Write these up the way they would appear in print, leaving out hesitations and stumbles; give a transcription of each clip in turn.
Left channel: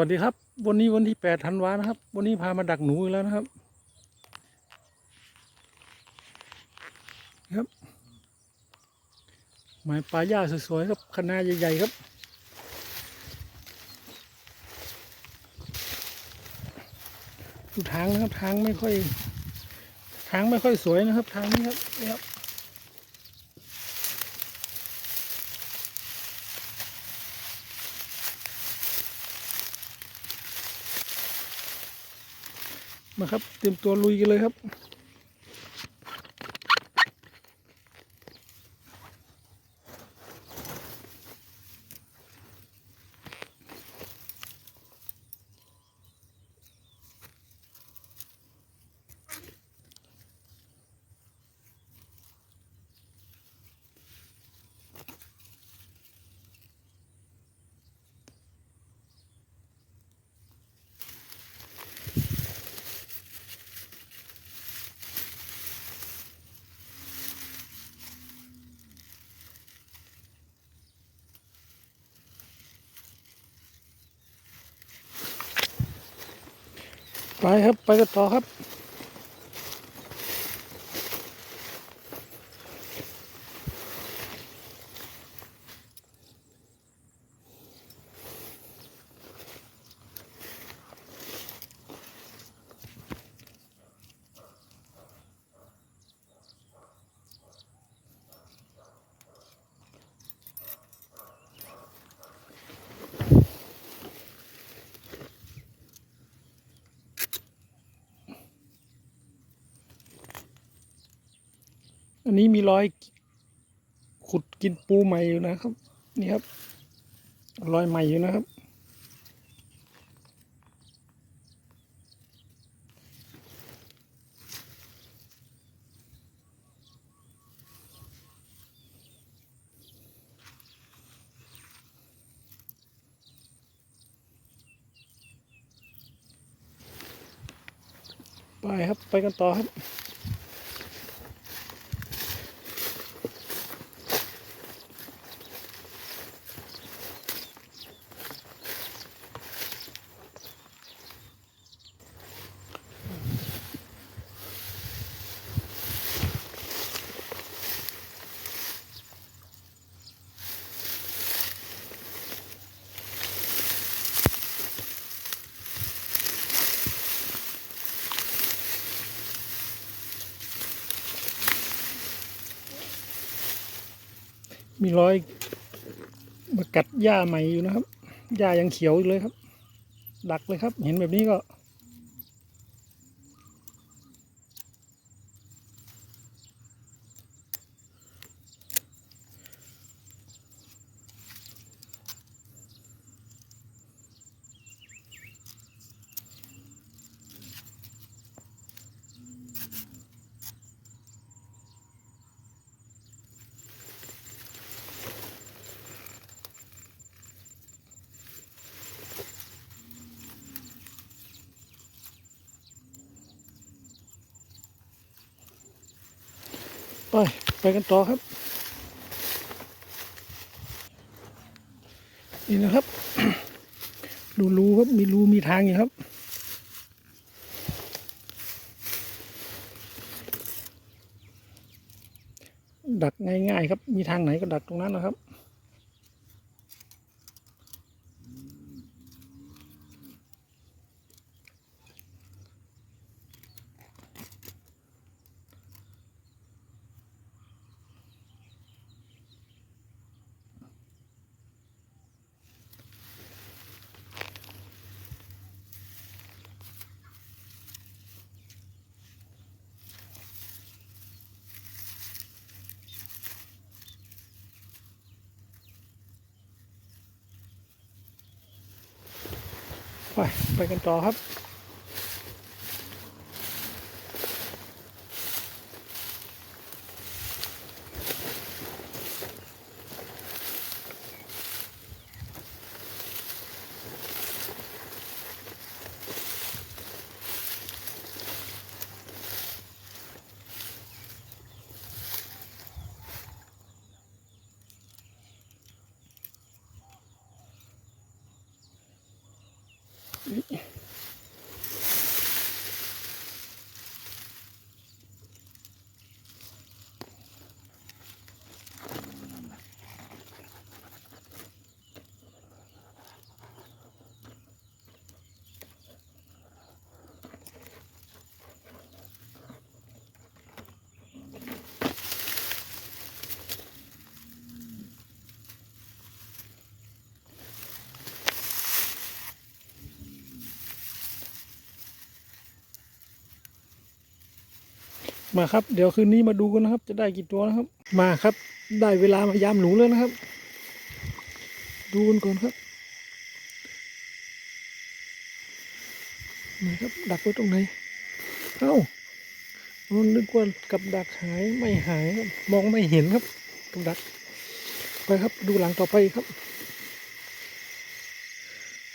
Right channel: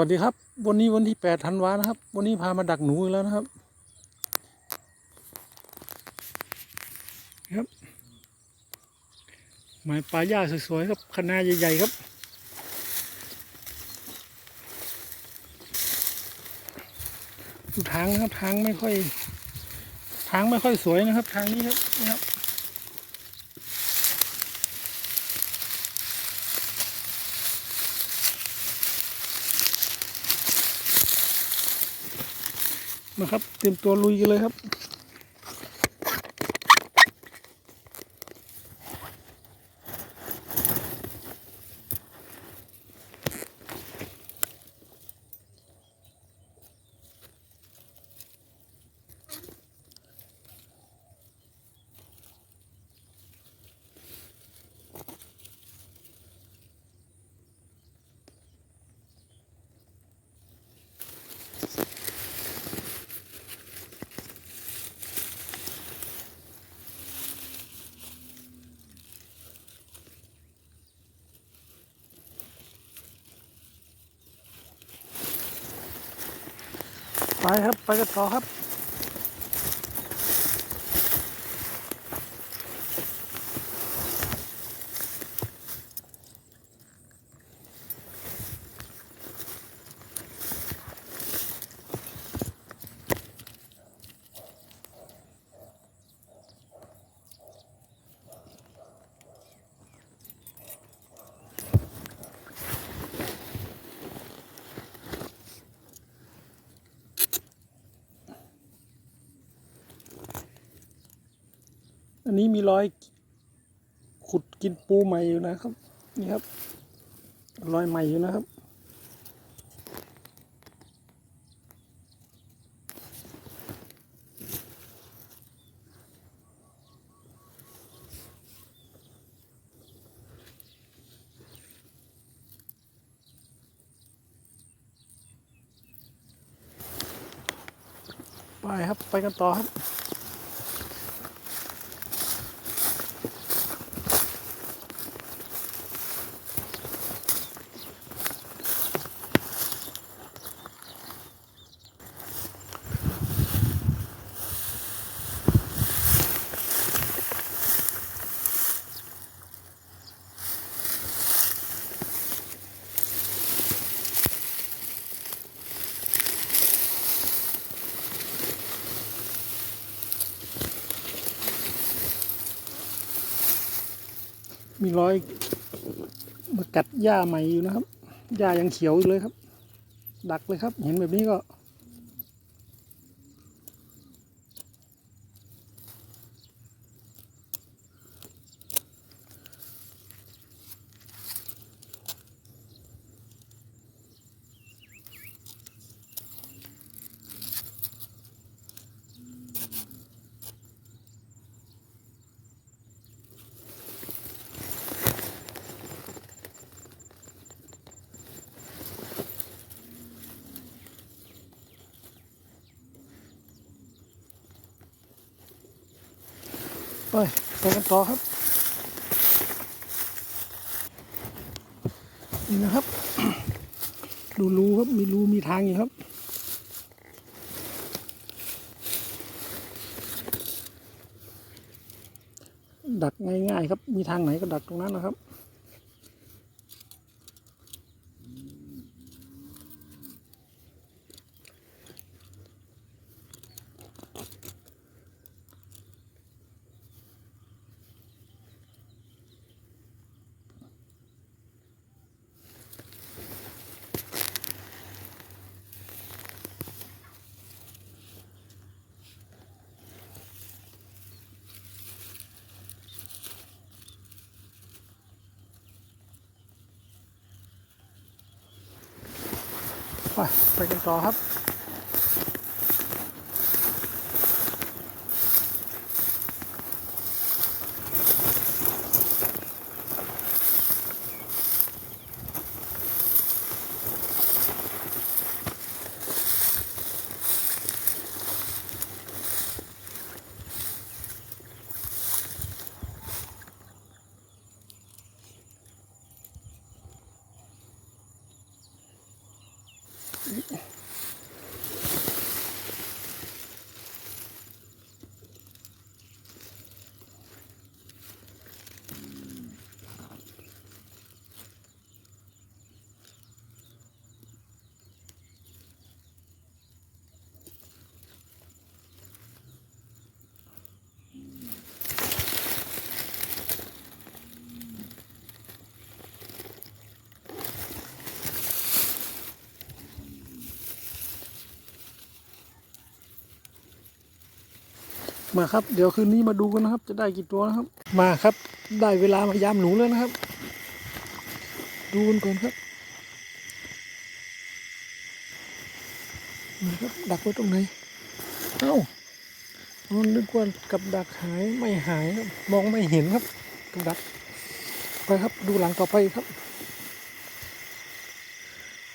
สวัสดีครับวันนี้วันที่8 ธันวานะครับวันนี้พามาดักหนูอีกแล้วนะครับครับหมายปลาย่าสวยๆครับคณะใหญ่ๆครับดูทางนะครับทางไม่ค่อยสวยนะครับทางนี้ครับนี่ครับมาครับเตรียมตัวลุยกันเลยครับไปครับไปกันต่อครับอันนี้มีรอยขุดกินปูใหม่อยู่นะครับนี่ครับรอยใหม่อยู่นะครับไปครับไปกันต่อครับมีรอยมากัดหญ้าใหม่อยู่นะครับหญ้ายังเขียวอยู่เลยครับดักเลยครับเห็นแบบนี้ก็ไปกันต่อครับนี่นะครับ ดูรูครับมีรูมีทางอยู่ครับดักง่ายๆครับมีทางไหนก็ดักตรงนั้นนะครับไปกันต่อครับ มาครับเดี๋ยวคืนนี้มาดูกันนะครับจะได้กี่ตัวนะครับมาครับได้เวลามายามหนูแล้วนะครับดูกันก่อนครับนี่ครับดักไว้ตรงไหนเอ้ามันนึกว่ากับดักหายไม่หายครับมองไม่เห็นครับกับดักไปครับดูหลังต่อไปครับ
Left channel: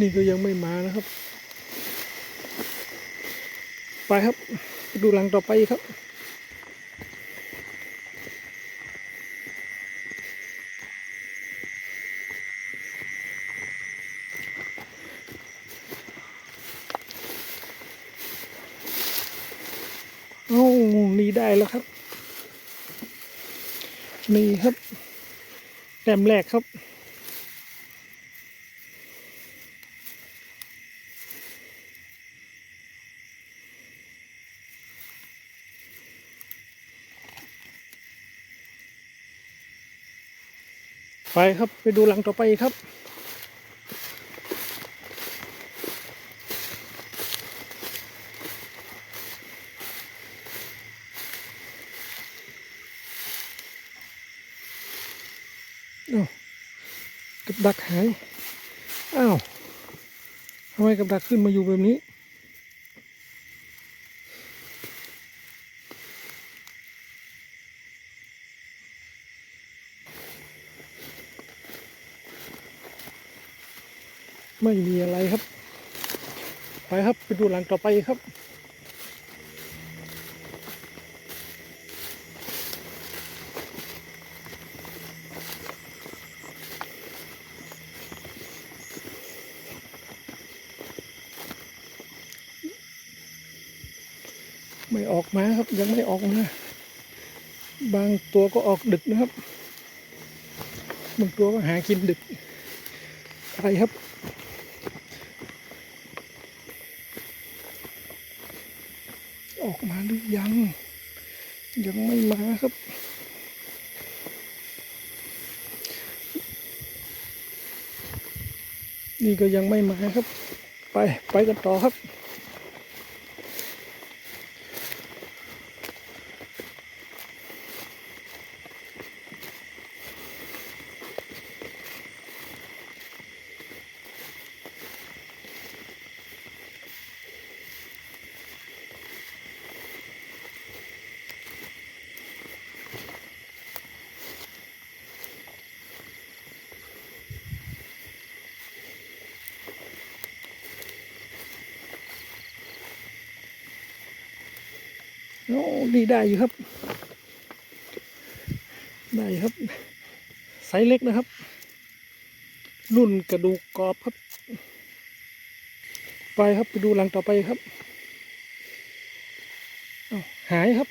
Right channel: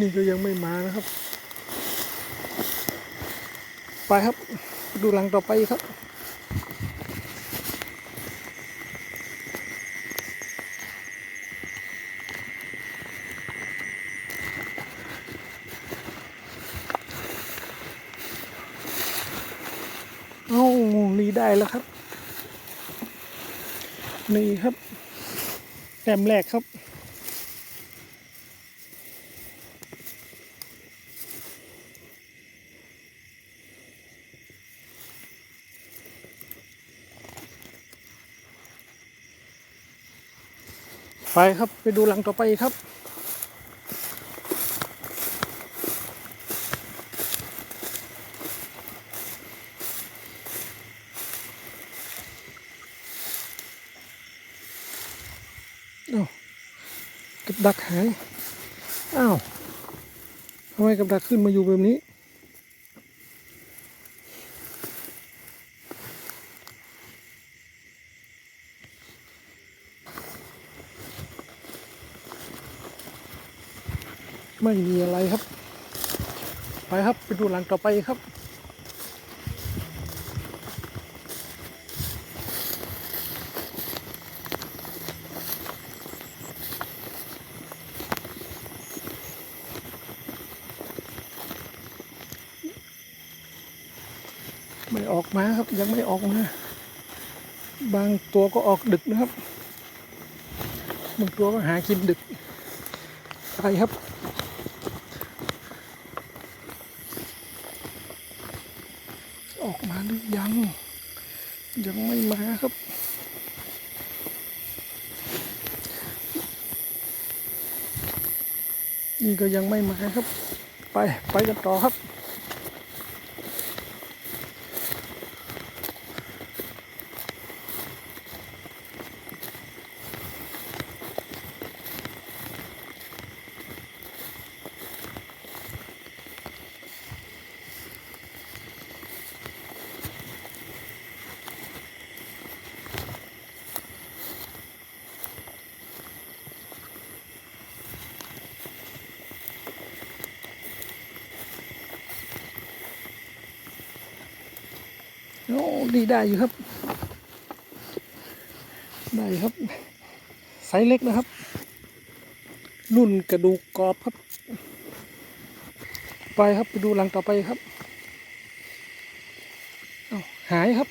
นี่ก็ยังไม่มานะครับไปครับดูหลังต่อไปครับเอ้านี่ได้แล้วครับนี่ครับแต้มแรกครับไปครับไปดูหลังต่อไปครับอ้าวกับดักหายอ้าวทำไมกับดักขึ้นมาอยู่แบบนี้ไม่มีอะไรครับไปครับไปดูหลังต่อไปครับไม่ออกมาครับยังไม่ออกมาบางตัวก็ออกดึกนะครับบางตัวก็หากินดึกไปครับออกมาหรือยังไม่มาครับนี่ก็ยังไม่มาครับไปกันต่อครับโอ้ดีได้อยู่ครับได้ครับไซส์เล็กนะครับรุ่นกระดูกกรอบครับไปครับไปดูหลังต่อไปครับหายครับ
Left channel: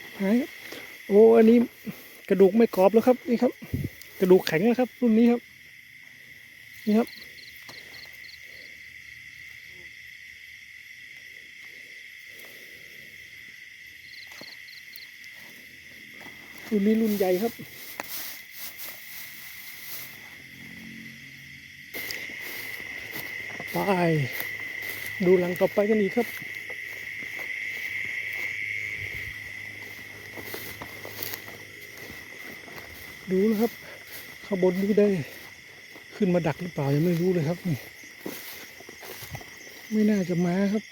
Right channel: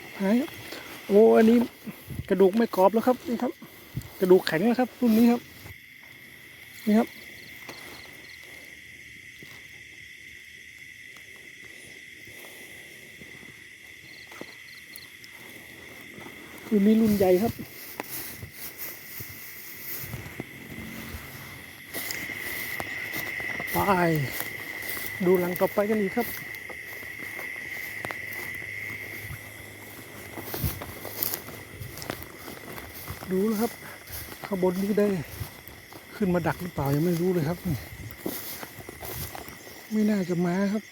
โอ้อันนี้กระดูกไม่กรอบแล้วครับนี่ครับกระดูกแข็งแล้วครับรุ่นนี้ครับนี่ครับรุ่นนี้รุ่นใหญ่ครับไปดูหลังต่อไปกันอีกครับดูแล้วครับข้างบนนี้ได้ขึ้นมาดักหรือเปล่ายังไม่รู้เลยครับนี่ไม่น่าจะมาครับ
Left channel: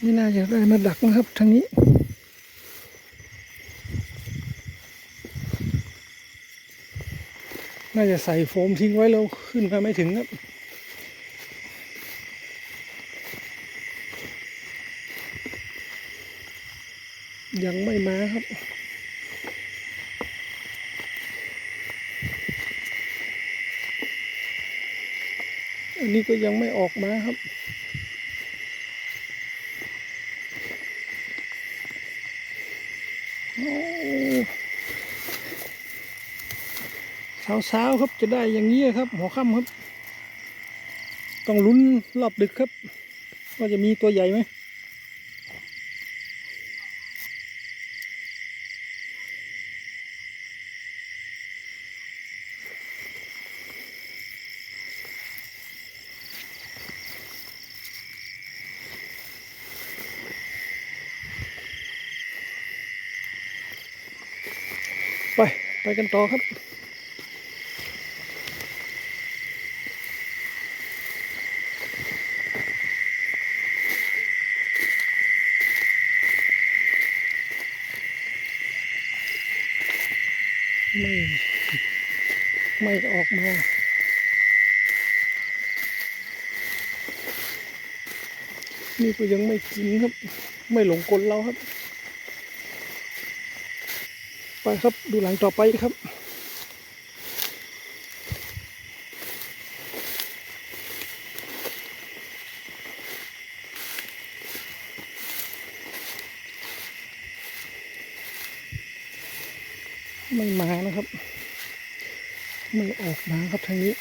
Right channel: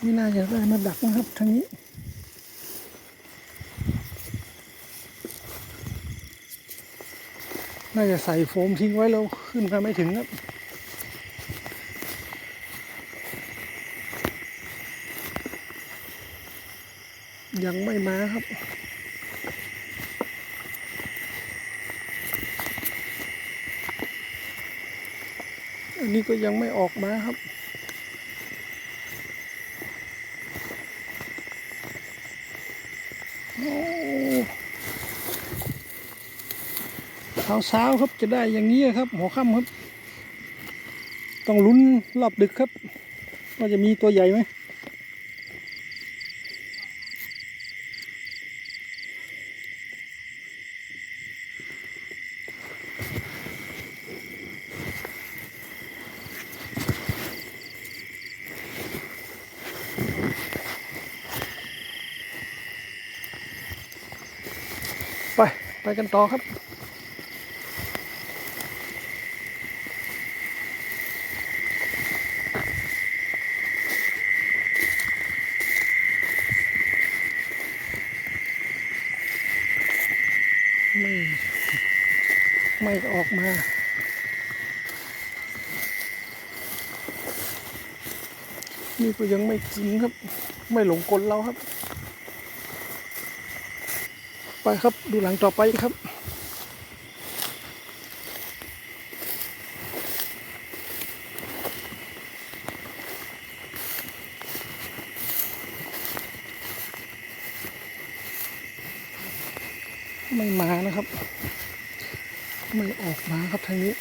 ไม่น่าจะได้มาดักนะครับทางนี้น่าจะใส่โฟมทิ้งไว้แล้วขึ้นมาไม่ถึงครับยังไม่มาครับอันนี้ นี่ก็ยังไม่ออกมาครับเช้าครับจะได้อย่างนี้ครับหัวค่ำครับต้องลุ้นรอบดึกครับว่าจะมีตัวใหญ่ไหมไปกันต่อครับไม่ออกมานี่ก็ยังไม่กินครับไม่หลงกลเราครับไปครับดูหลังต่อไปครับไม่มานะครับไม่ออกมาครับทางนี้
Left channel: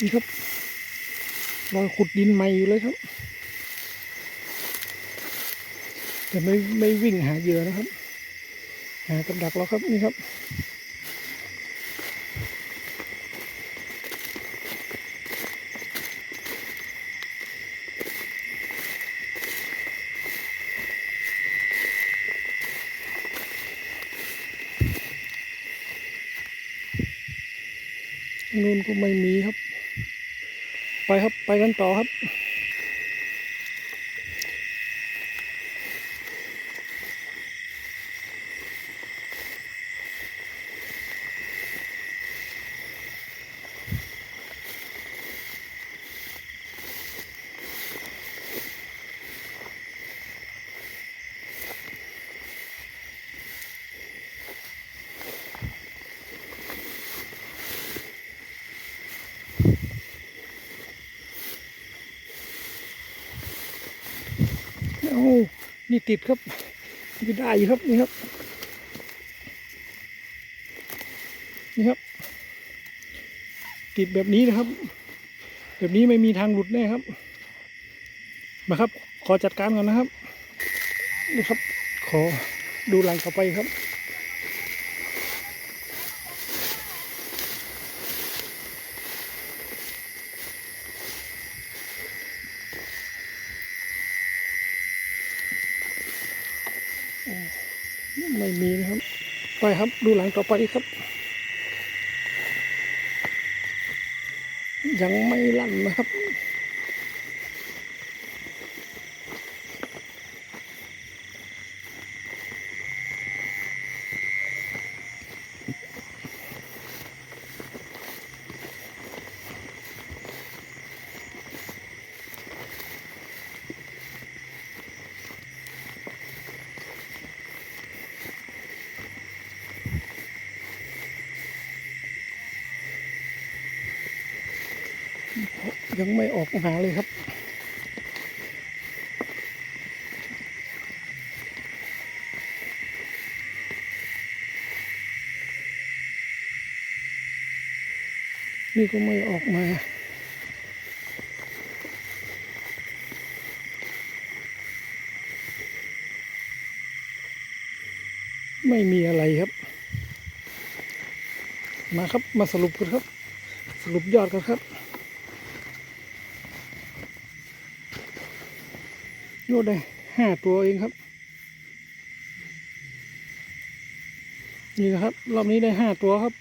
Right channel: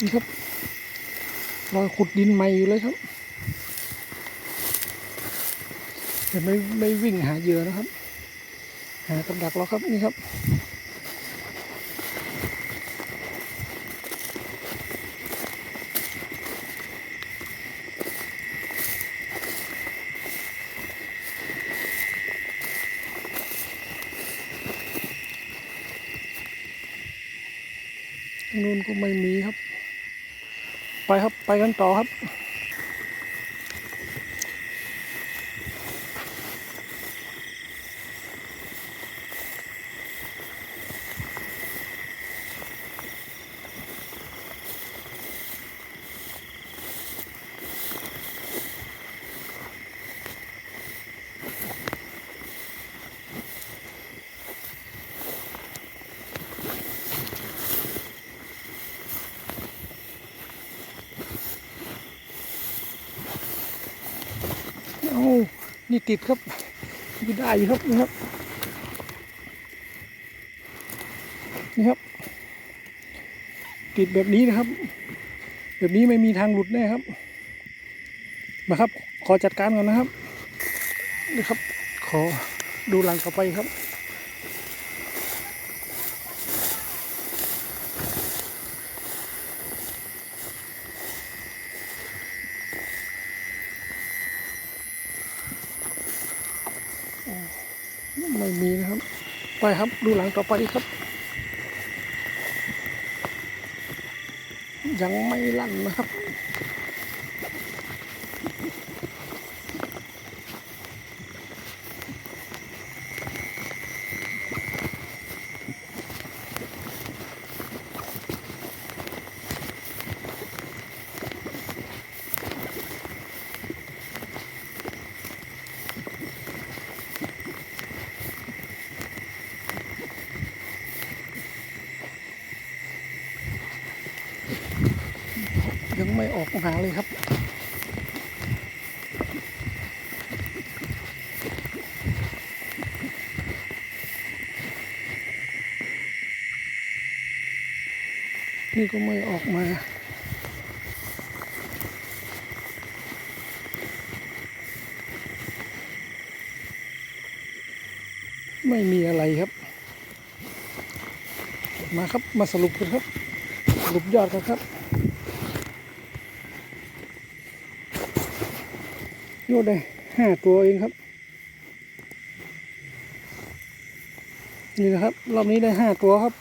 นี่ครับรอยขุดดินใหม่อยู่เลยครับแต่ไม่วิ่งหาเหยื่อนะครับหากับดักเราครับนี่ครับนู่นก็ไม่มีครับไปครับไปกันต่อครับโอ้นี่ติดครับอยู่ได้อยู่ครับนี่ครับนี่ครับติดแบบนี้นะครับแบบนี้ไม่มีทางหลุดแน่ครับมาครับขอจัดการก่อนนะครับนี่ครับขอดูหลังต่อไปครับไม่มีนะครับไปครับดูหลังต่อไปครับยังไม่ลั่นนะครับยังไม่ออกหาเลยครับนี่ก็ไม่ออกมาไม่มีอะไรครับมาครับมาสรุปกันครับสรุปยอดกันครับยอดได้5 ตัวเองครับนี่นะครับรอบนี้ได้5 ตัวครับ